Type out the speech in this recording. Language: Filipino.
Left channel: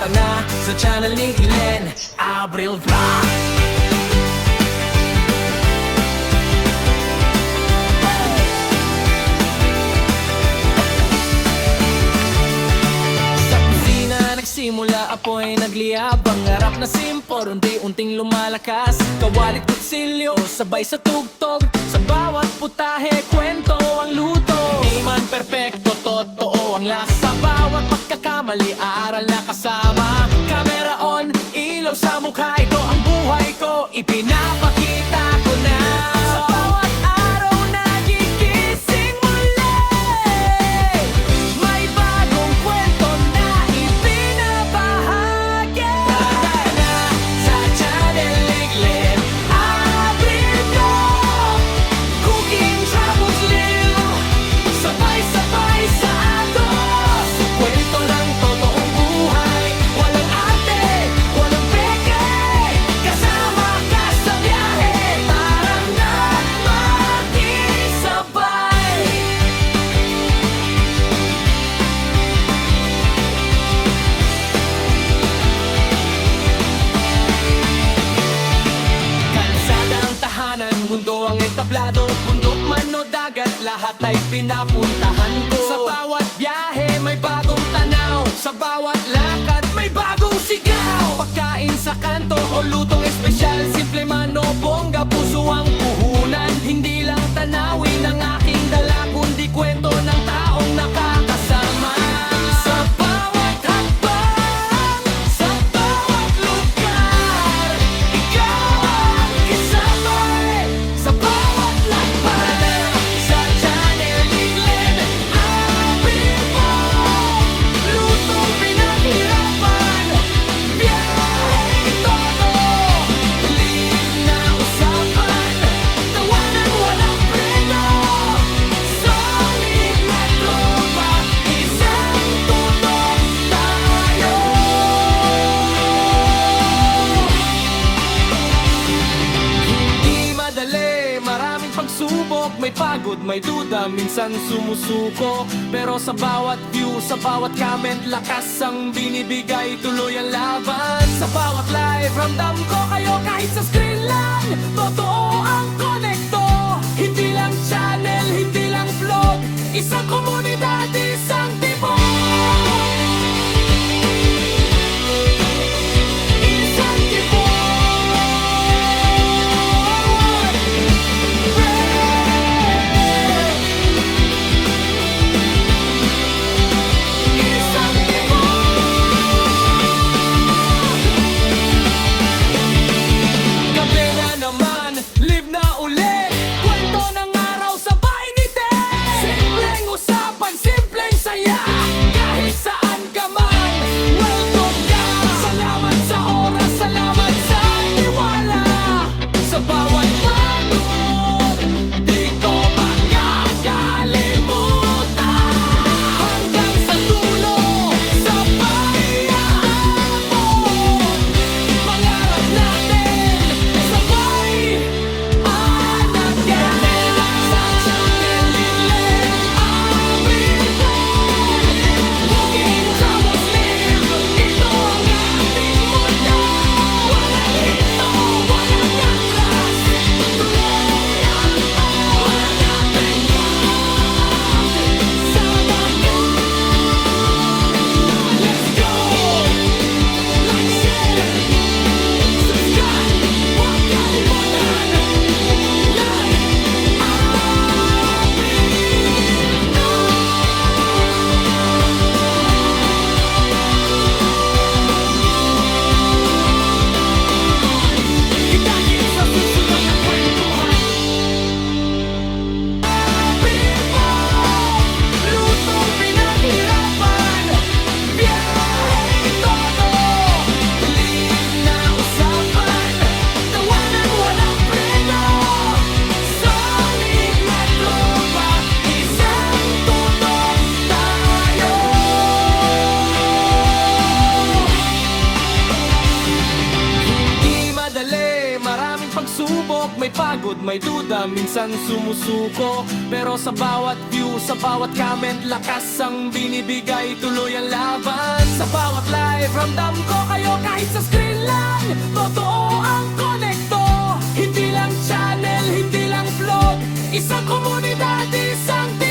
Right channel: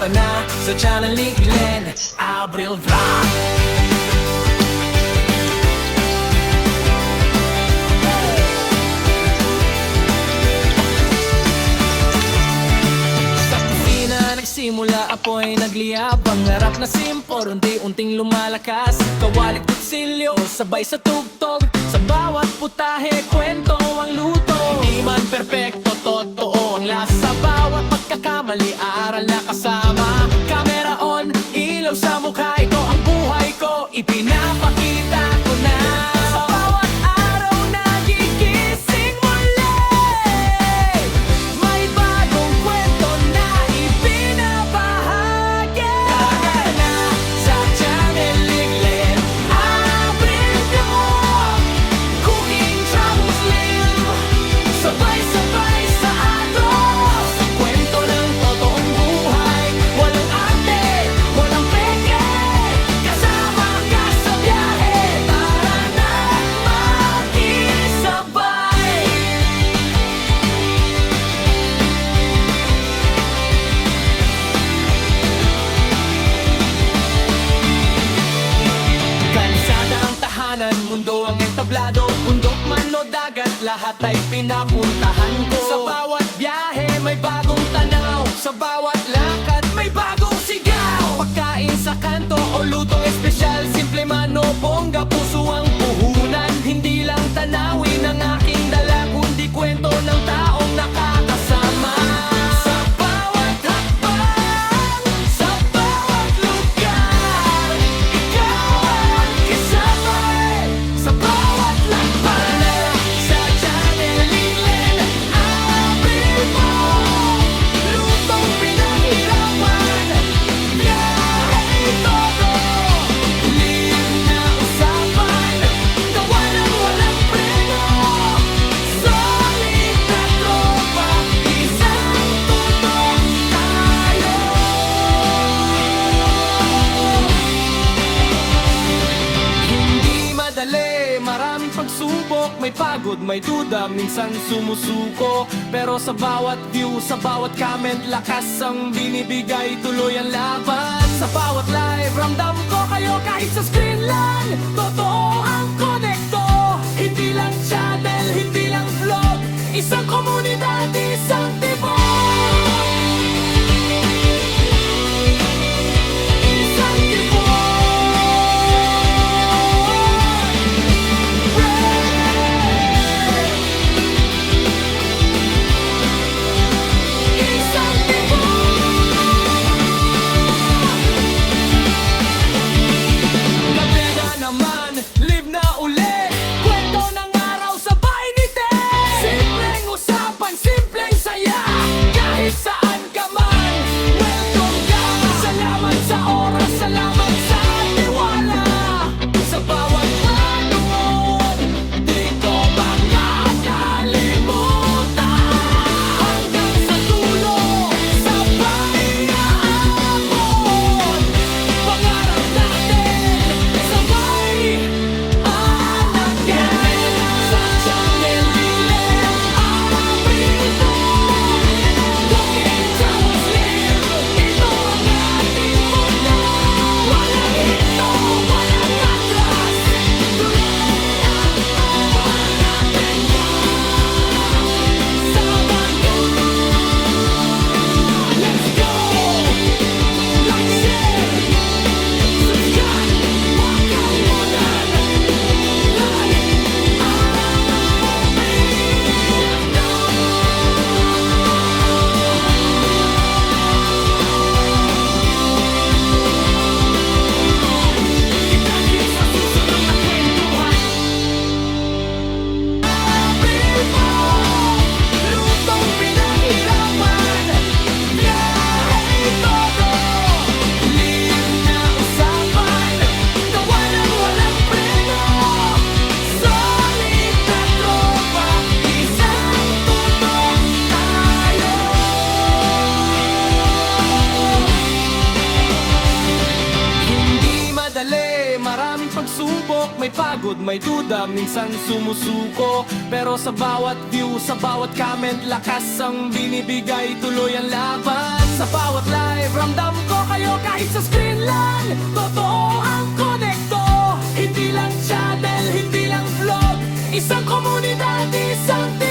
Tara na sa channel ni Glenn Abril Vlog. Nagsimula apoy nagliyab, ang harap na simpor unti-unting lumalakas. Kawalit kutsilyo, sabay sa tugtog, sa bawat putahe, kwento ang luto. Di man perpekto, totoo ang lasa. Bawat pagkakamali, aral na kasama. Camera on, ilaw sa mukha. Ito ang buhay ko, ipinapakita ko na. Sa bawat araw nagigising muli, may bagong kwento na ibinabahagi. Tara na sa channel ni Glenn Abril Vlog. Cooking, travels, live, sabay-sabay sa agos. Kwento ng totoong buhay, walang arte, walang peke. Kasama ka sa biyahe, tara na makisabay. Kalsada ang tahanan, mundo ang entablado. Bundok man o dagat, lahat ay pinapuntahan ko. Sa bawat biyahe may bagong tanaw, sa bawat lakad may bagong sigaw. Pagkain sa kanto o lutong espesyal, simple man o bongga, puso ang puhunan. Hindi lang tanawin ang aking dala, kundi kwento ng taong nakakasama. Sa bawat hakbang, sa bawat lugar, ikaw ang kasabay. Sa bawat lakbay na sa channel ni Glenn Abril Vlog. Lutong pinaghirapan, biyahe todo, live na usapan, tawanan walang preno. Solid na tropa, isang tutok tayo. Hindi madali, maraming pagsubok, may pagod, may duda, minsan sumusuko. Pero sa bawat view, sa bawat comment, lakas ang binibigay, tuloy ang laban. Sa bawat live, ramdam ko kayo kahit sa screen lang. Totoo ang konekto, hindi lang channel, hindi lang vlog, isang komunidad, isang tibok. Isang tibok. Isang tibok. Gabi na naman, live na ulit, kwento ng araw sabay ngiti. Simpleng usapan, simpleng saya, kahit saan ka man, welcome ka. Salamat sa oras, salamat sa tiwala. Sa bawat panood, di ko makakalimutan. Hanggang sa dulo, sabay aabot. Pangarap natin, sabay anagan. Sa channel ni Glenn Abril Vlog. Cooking, travels, live, ito ang ating mundo. Walang hinto, walang atras, tuloy ang pagwanapin ka. Sama ka. Let's go! Like, share, subscribe, huwag kalimutan. Like Abril Vlog. Kita-kits sa susunod na kwentuhan. Abril Vlog. Lutong pinaghirapan, biyahe todo, live na usapan, tawanan walang preno. Solid na tropa, isang tutok tayo. Hindi madali, maraming pagsubok, may pagod, may duda, minsan sumusuko. Pero sa bawat view, sa bawat comment, lakas ang binibigay, tuloy ang laban. Sa bawat live, ramdam ko kayo kahit sa screen lang. Totoo ang konekto. Hindi lang channel, hindi lang vlog. Isang komunidad, isang team.